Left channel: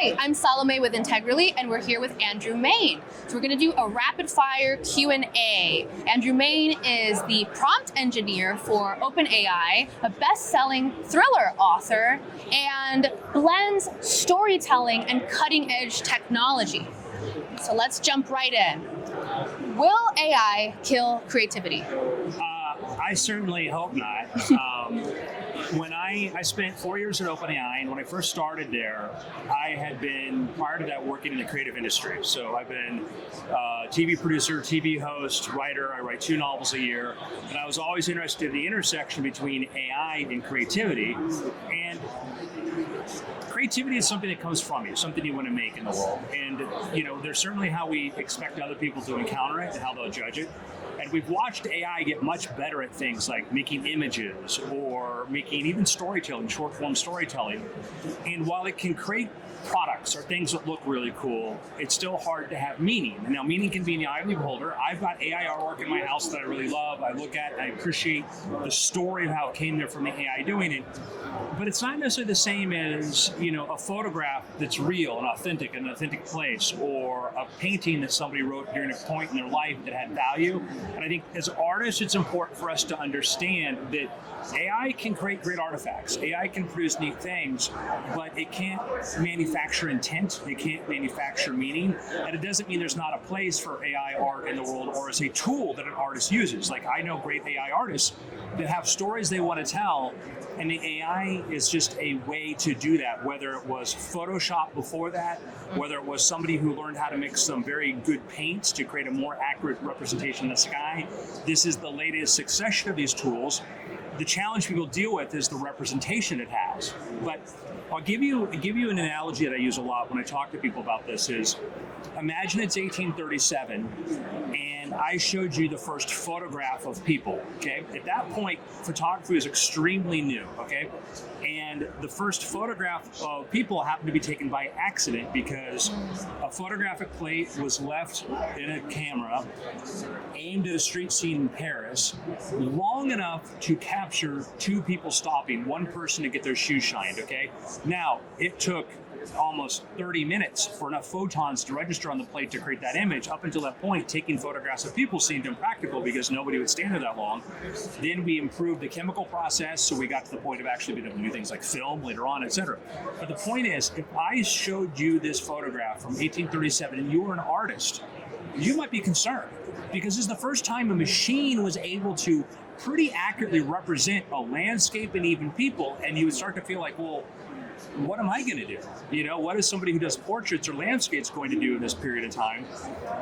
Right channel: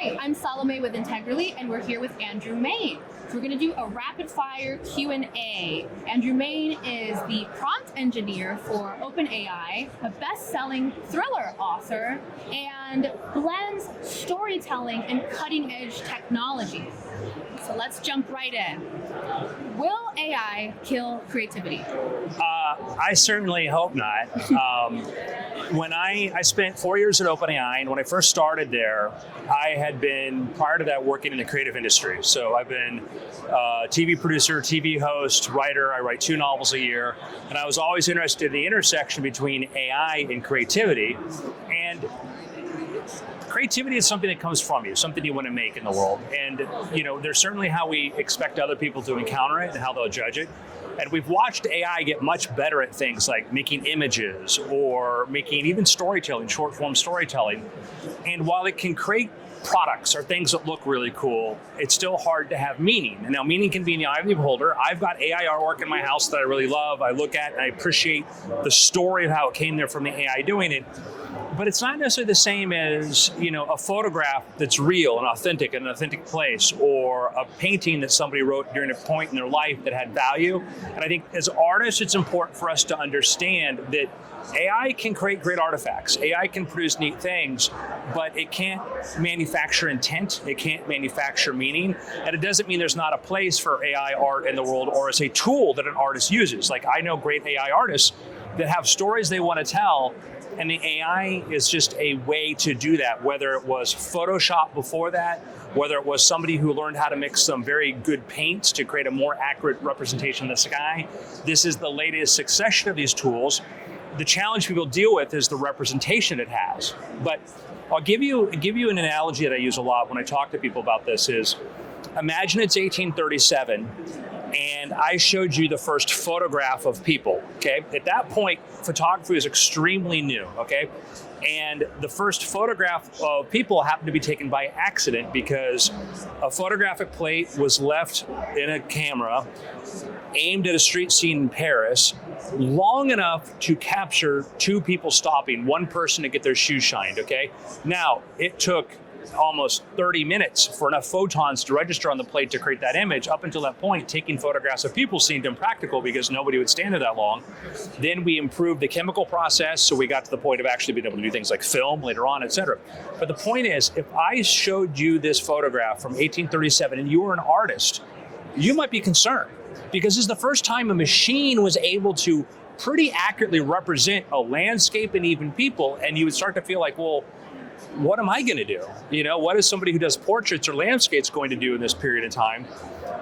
Hi, I'm Salome with Integrally, and we're here with Andrew Mayne. So we're going to do a rapid-fire Q&A. Andrew Mayne is the prompt engineer for OpenAI, a best-selling thriller author, and blends storytelling and cutting-edge technology. So let's jump right in. Will AI kill creativity? I certainly hope not. When I spent 4 years at OpenAI, and when I first started there, I had been, prior to that, working in the creative industry. So I've been a TV producer, TV host, writer. I write 2 novels a year. And I was always interested in the intersection between AI and creativity. And creativity is something that comes from you, something you want to make in the world. And, there's certainly how we expect other people to encounter it and how they'll judge it. And we've watched AI get much better at things like making images or making even storytelling, short-form storytelling. And while it can create products or things that look really cool, it's still hard to have meaning. And now meaning can be in the eye of the beholder. I've got AI artwork in my house that I really love. I look at and I appreciate the story of how it came there from the AI doing it. But it's not necessarily the same as, a photograph that's real and authentic in an authentic place, or a painting that somebody wrote during a point in their life that had value. And I think as artists, it's important for us to understand that AI can create great artifacts. AI can produce neat things, but it can't manufacture intent. It can't manufacture meaning. And it doesn't mean there's not a place for AI art in the world or as a tool that an artist uses. Like, I know great AI artists that have stories they want to tell, and the AI is just a way to do that, whether it was Photoshop before that, whether it was somebody who learned how to mix some very good paints to create a more accurate representation of the sky. This is the latest succession of these tools. The challenge people deal with is the representation it has. But I'll give you an analogy that I use a lot when I talk to people about this is, imagine it's 1837 and I showed you the first photograph of people, okay? At that point, photography was extremely new, okay? And the first photograph of people happened to be taken by accident because a photographic plate was left in a camera aimed at a street scene in Paris long enough to capture 2 people stopping, 1 person to get their shoes shined, okay? Now, it took almost 30 minutes for enough photons to register on the plate to create that image. Up until that point, taking photographs of people seemed impractical because nobody would stand there that long. Then we improved the chemical process, so we got to the point of actually being able to do things like film later on, etc. But the point is, if I showed you this photograph from 1837 and you were an artist, you might be concerned because this is the first time a machine was able to pretty accurately represent a landscape and even people, and you would start to feel like, well, what am I going to do? What is somebody who does portraits or landscapes going to do in this period of time?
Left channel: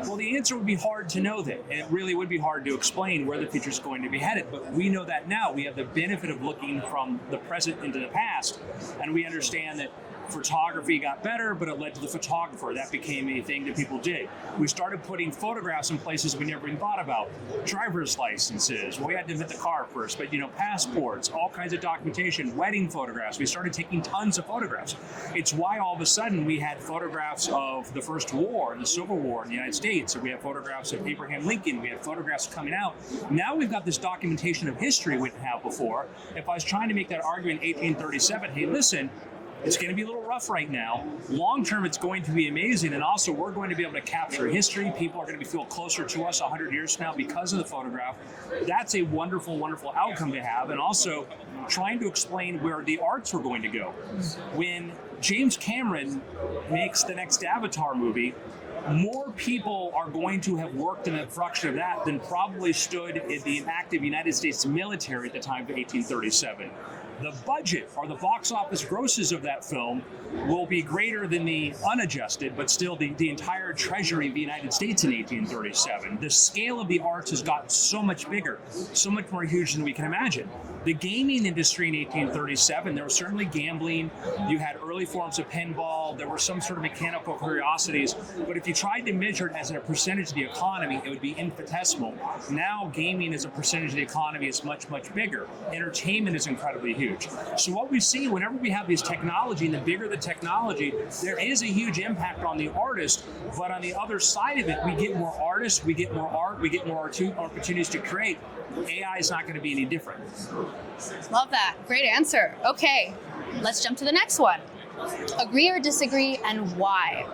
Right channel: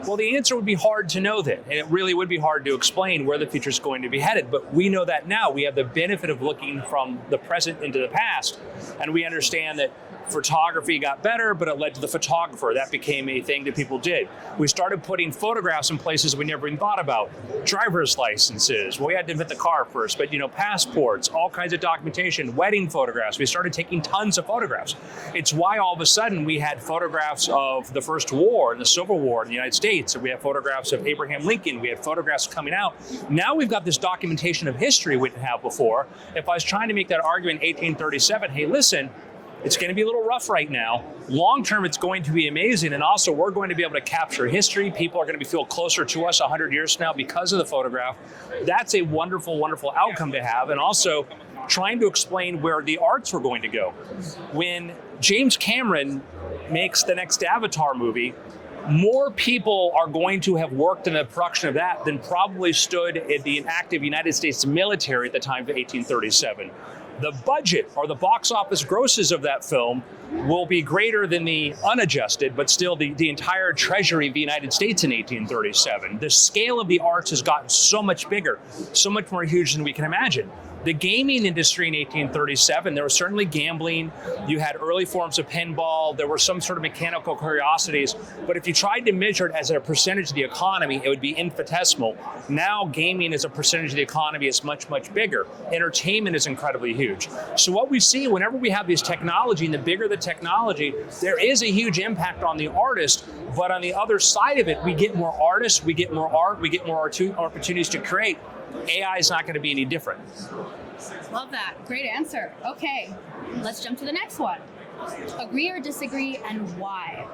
Well, the answer would be hard to know that. And it really would be hard to explain where the future is going to be headed. But we know that now. We have the benefit of looking from the present into the past. And we understand that photography got better, but it led to the photographer. That became a thing that people did. We started putting photographs in places we never even thought about. Driver's licenses. Well, we had to invent the car first, but passports, all kinds of documentation, wedding photographs. We started taking tons of photographs. It's why all of a sudden we had photographs of the First War, the Civil War in the United States, and we have photographs of Abraham Lincoln. We had photographs coming out. Now we've got this documentation of history we didn't have before. If I was trying to make that argument in 1837, hey, listen, it's going to be a little rough right now. Long term, it's going to be amazing. And also, we're going to be able to capture history. People are going to feel closer to us 100 years from now because of the photograph. That's a wonderful, wonderful outcome to have. And also, trying to explain where the arts were going to go. When James Cameron makes the next Avatar movie, more people are going to have worked in the production of that than probably stood in the active United States military at the time of 1837. The budget or the box office grosses of that film will be greater than the unadjusted, but still the entire treasury of the United States in 1837. The scale of the arts has gotten so much bigger, so much more huge than we can imagine. The gaming industry in 1837, there was certainly gambling. You had early forms of pinball. There were some sort of mechanical curiosities. But if you tried to measure it as a percentage of the economy, it would be infinitesimal. Now, gaming as a percentage of the economy is much, much bigger. Entertainment is incredibly huge. So what we see whenever we have this technology, and the bigger the technology, there is a huge impact on the artist. But on the other side of it, we get more artists, we get more art, we get more opportunities to create. AI is not going to be any different. Love that. Great answer. Okay, let's jump to the next one. Agree or disagree, and why?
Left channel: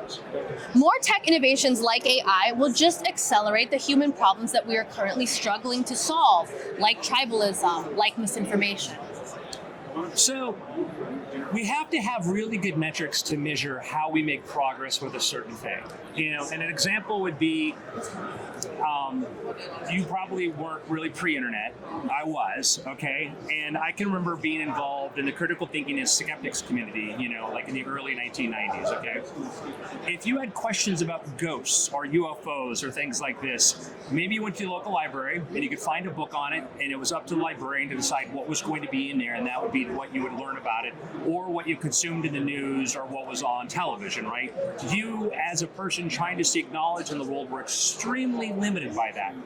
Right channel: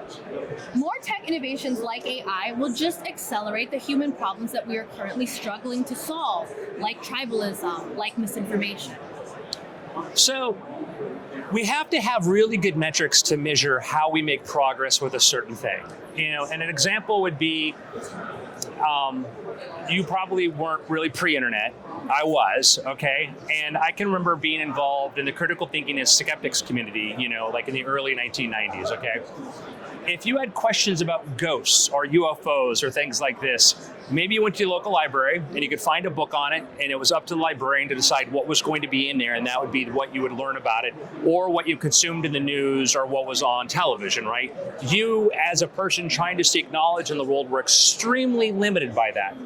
More tech innovations like AI will just accelerate the human problems that we are currently struggling to solve, like tribalism, like misinformation. So we have to have really good metrics to measure how we make progress with a certain thing. And an example would be, you probably weren't really pre-internet. I was, okay? And I can remember being involved in the critical thinking and skeptics community, like in the early 1990s, okay? If you had questions about ghosts or UFOs or things like this, maybe you went to your local library and you could find a book on it, and it was up to the librarian to decide what was going to be in there, and that would be what you would learn about it, or what you consumed in the news or what was on television, right? You, as a person trying to seek knowledge in the world, were extremely limited by that.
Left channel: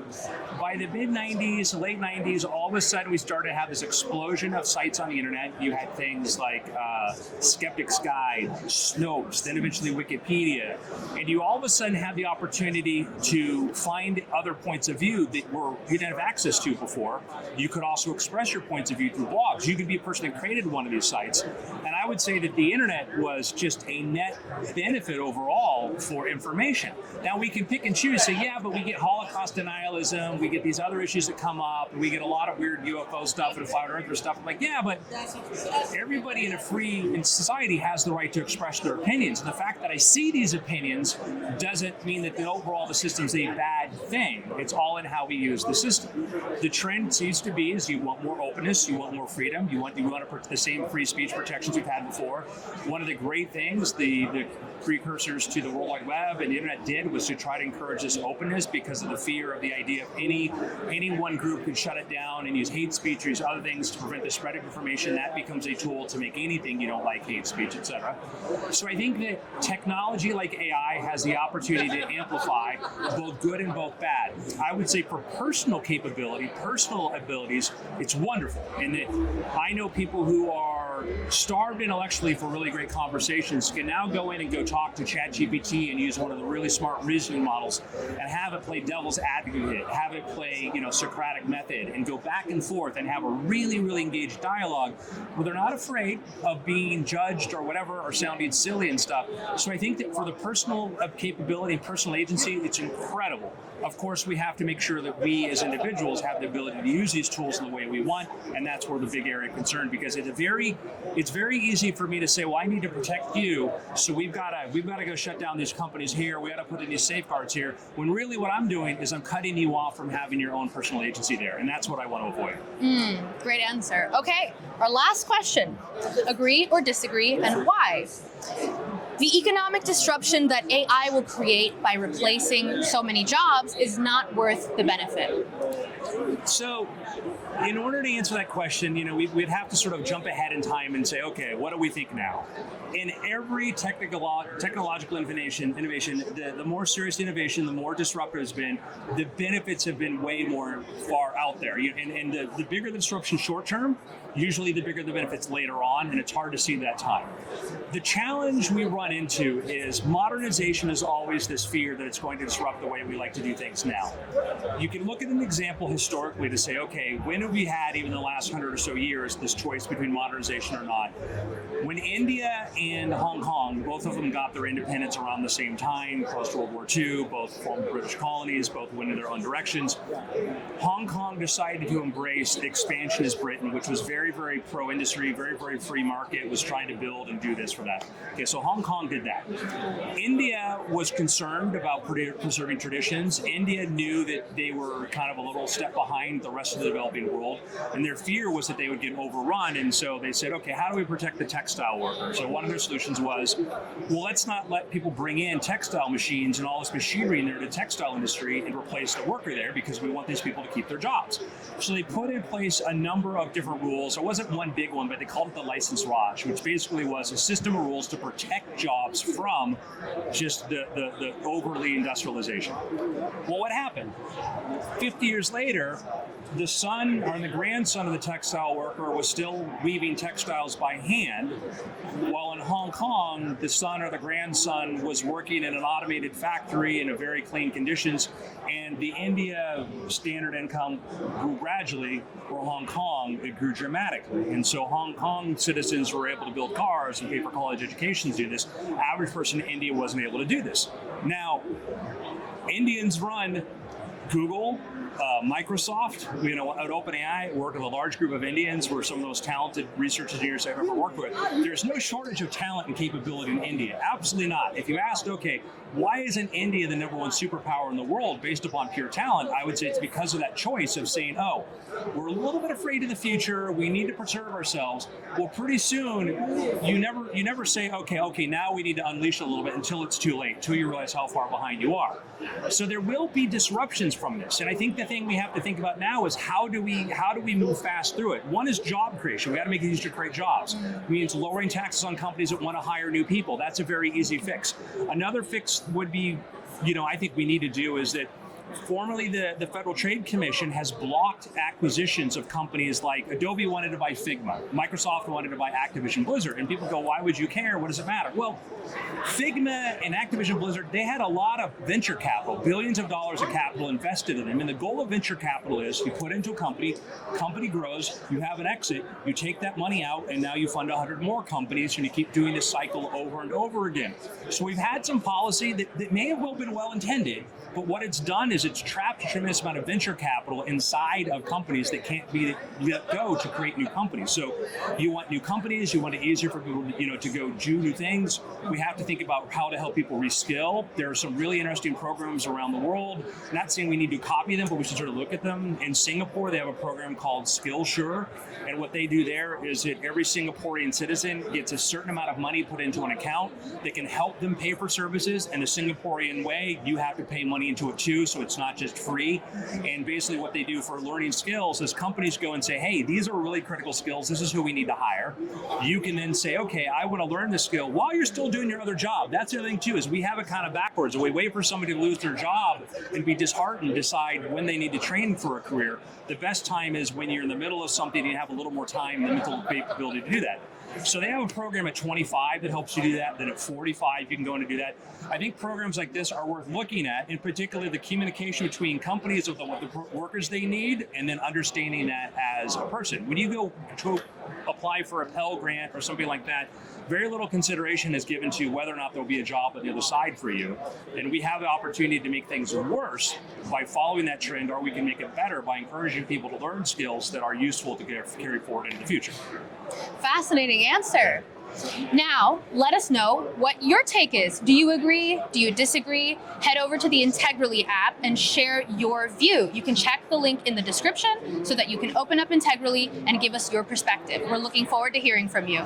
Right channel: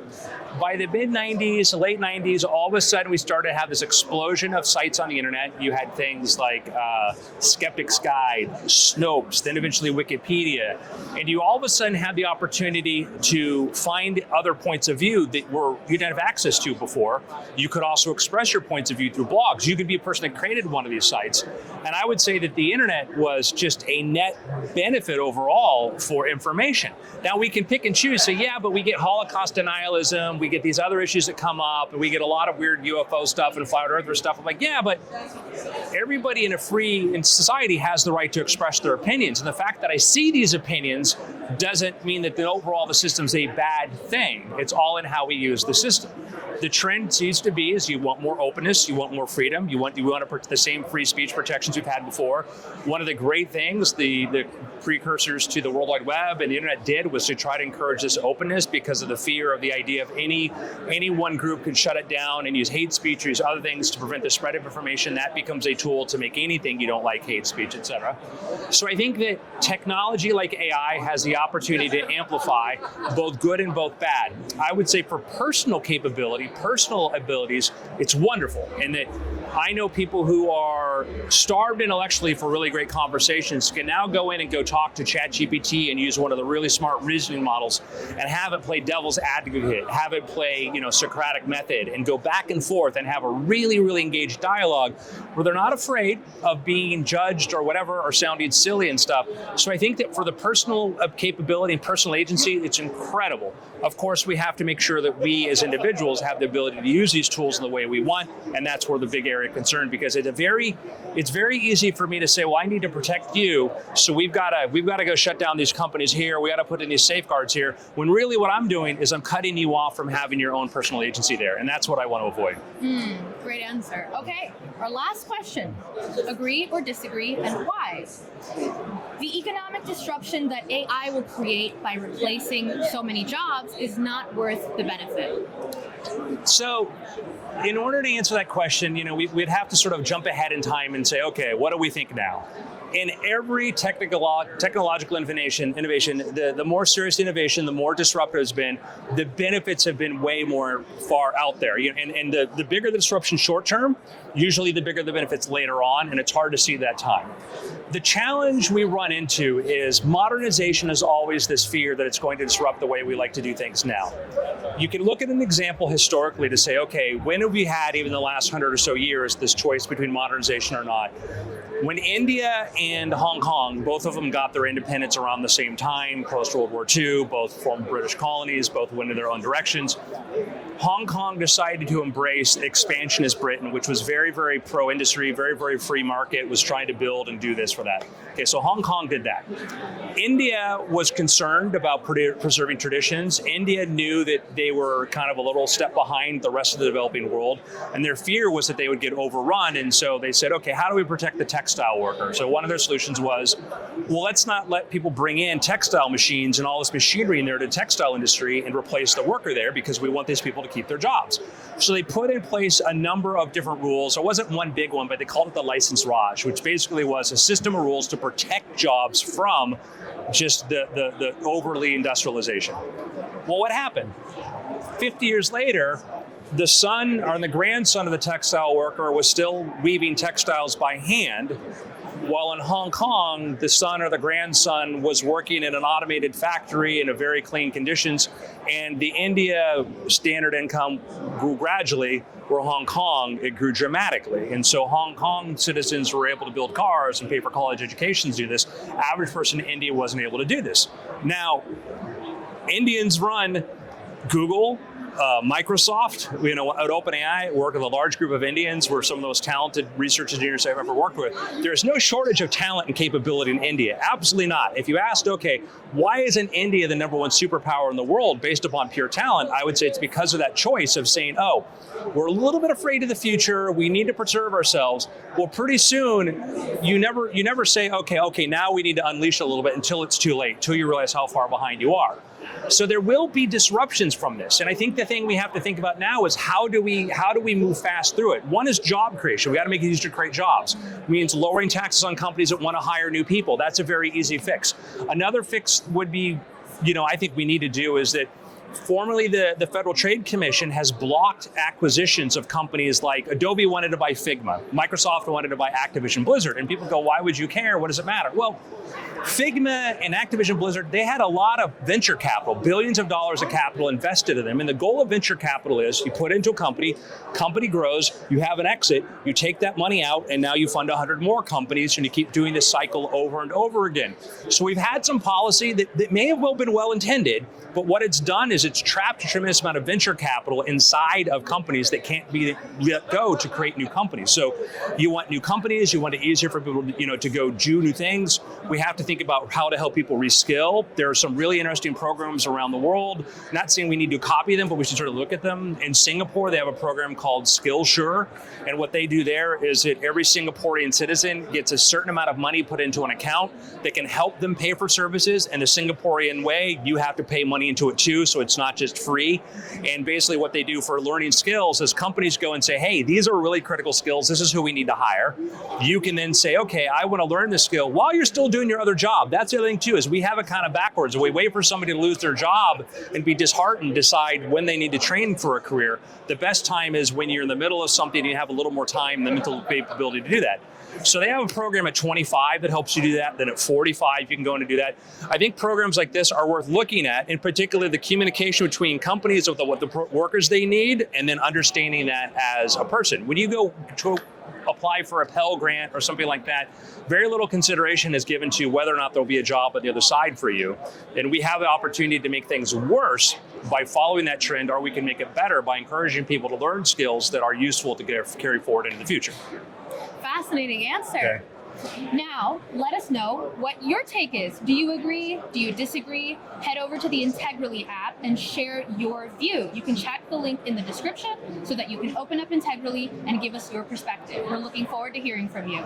By the mid-90s, late 90s, all of a sudden we started to have this explosion of sites on the internet. You had things like Skeptic's Guide, Snopes, then eventually Wikipedia, and you all of a sudden had the opportunity to find other points of view that you didn't have access to before. You could also express your points of view through blogs. You could be a person that created one of these sites. And I would say that the internet was just a net benefit overall for information. Now we can pick and choose, say, yeah, but we get Holocaust denialism, we get these other issues that come up, and we get a lot of weird UFO stuff and flat earther stuff. I'm like, yeah, but everybody in a free society has the right to express their opinions. And the fact that I see these opinions doesn't mean that overall the system's a bad thing. It's all in how we use the system. The trend seems to be is you want more openness, you want more freedom, you want the same free speech protections we've had before. One of the great things the precursors to the World Wide Web and the internet did was to try to encourage this openness because of the fear of the idea of any one group can shut it down and use hate speech or use other things to prevent the spread of information. That becomes a tool to make anything you don't like hate speech, etc. So I think that technology like AI has the opportunity to amplify both good and both bad. I would say for personal capability, personal abilities, it's wonderful. And that I know people who are starved intellectually for really great conversations can now go in and go talk to ChatGPT and use one of the really smart reasoning models and have it play devil's advocate, have it play, Socratic method, and go back and forth and have a really, really engaged dialogue where they're not afraid of being judged or whatever or sounding silly and stuff. So I think that for the personal capability and personal agency, it's incredible. Of course, we have to make sure that we as individuals have the ability to use these tools in the way we want, and that's where the big area of concern, because it's very easy for me to say, well, I need to protect you, so we've got to go shut down these companies here, we got to put in these safeguards here, when really what I'm doing is I'm cutting you off from having your own personal agency there, and that's what I want to avoid. Great answer. Okay, our last question. Agree or disagree, and why? The economic disruption that AI will create by replacing so many jobs is not worth the benefit. So, in order to answer that question, we'd have to sort of jump ahead in time and say, okay, what do we think now? In every technological innovation, the more serious innovation, the more disruptive it's been, the benefits have been way more far out there. And the bigger the disruption short term, usually the bigger the benefits later on, and it's hard to see that time. The challenge we run into is modernization is always this fear that it's going to disrupt the way we like to do things now. You can look at an example historically to say, okay, when have we had, even the last 100 or so years, this choice between modernization or not? When India and Hong Kong, both of them got their independence around the same time, post-World War II, both formed British colonies, both went in their own directions. Hong Kong decided to embrace expansionist Britain, which was very, very pro-industry, very, very free market, was trying to build and do this for that. Okay, so Hong Kong did that. India was concerned about preserving traditions. India knew that they were kind of a little step behind the rest of the developing world, and their fear was that they would get overrun, and so they said, okay, how do we protect the textile worker? So one of their solutions was, well, let's not let people bring in textile machines and all this machinery in there to the textile industry and replace the worker there, because we want these people to keep their jobs. So they put in place a number of different rules. There wasn't one big one, but they called it the license Raj, which basically was a system of rules to protect jobs from just the overly industrialization. Well, what happened? 50 years later, the son or the grandson of the textile worker was still weaving textiles by hand, while in Hong Kong, the son or the grandson was working in an automated factory in a very clean conditions, and the India standard income grew gradually, where Hong Kong, it grew dramatically. And so Hong Kong citizens were able to build cars and pay for college educations to do this. Average person in India wasn't able to do this. Now, Indians run Google, Microsoft, at OpenAI, work with a large group of Indians. We're some of the most talented research engineers I've ever worked with. There's no shortage of talent and capability in India. Absolutely not. If you asked, okay, why isn't India the #1 superpower in the world based upon pure talent? I would say it's because of that choice of saying, oh, we're a little bit afraid of the future. We need to preserve ourselves. Well, pretty soon, you never say, okay, now we need to unleash a little bit until it's too late, until you realize how far behind you are. So there will be disruptions from this. And I think the thing we have to think about now is how do we move fast through it? One is job creation. We got to make it easier to create jobs. It means lowering taxes on companies that want to hire new people. That's a very easy fix. Another fix would be, I think we need to do is that formerly, the Federal Trade Commission has blocked acquisitions of companies like Adobe wanted to buy Figma, Microsoft wanted to buy Activision Blizzard, and people go, why would you care? What does it matter? Well, Figma and Activision Blizzard, they had a lot of venture capital, billions of dollars of capital invested in them. And the goal of venture capital is you put into a company grows, you have an exit, you take that money out, and now you fund 100 more companies, and you keep doing this cycle over and over again. So we've had some policy that may have well been well-intended, but what it's done is it's trapped a tremendous amount of venture capital inside of companies that can't be let go to create new companies. So you want new companies, you want it easier for people to go do new things. We have to think about how to help people reskill. There are some really interesting programs around the world. Not saying we need to copy them, but we should sort of look at them. In Singapore, they have a program called Skillshare. And what they do there is that every Singaporean citizen gets a certain amount of money put into an account that can help them pay for services. And the Singaporean way, you have to pay money into it too, so it's not just free. And basically what they do for learning skills is companies go and say, hey, these are really critical skills. This is who we need to hire. You can then say, okay, I want to learn this skill while you're still doing your other job. That's the other thing too, is we have it kind of backwards. We wait for somebody to lose their job and be disheartened, decide when they need to train for a career. The best time is when you're in the middle of something and you have a little more time and the mental capability to do that. So they have a program at 25 that helps you do that. Then at 45, you can go in and do that. I think programs like this are worth looking at, in particular the communication between companies of what the workers they need, and then understanding that as a person. When you go to apply for a Pell Grant or something like that, very little consideration is given to whether or not there'll be a job on the other side for you. And we have the opportunity to make things worse by following that trend, or we can make it better by encouraging people to learn skills that are useful to carry forward into the future. Fascinating answer. Okay. Now, let us know what your take is. Do you agree? Do you disagree? Head over to the Integrally app and share your view. You can check the link in the description so that you can open up Integrally and give us your perspective. We're looking forward to hearing from you.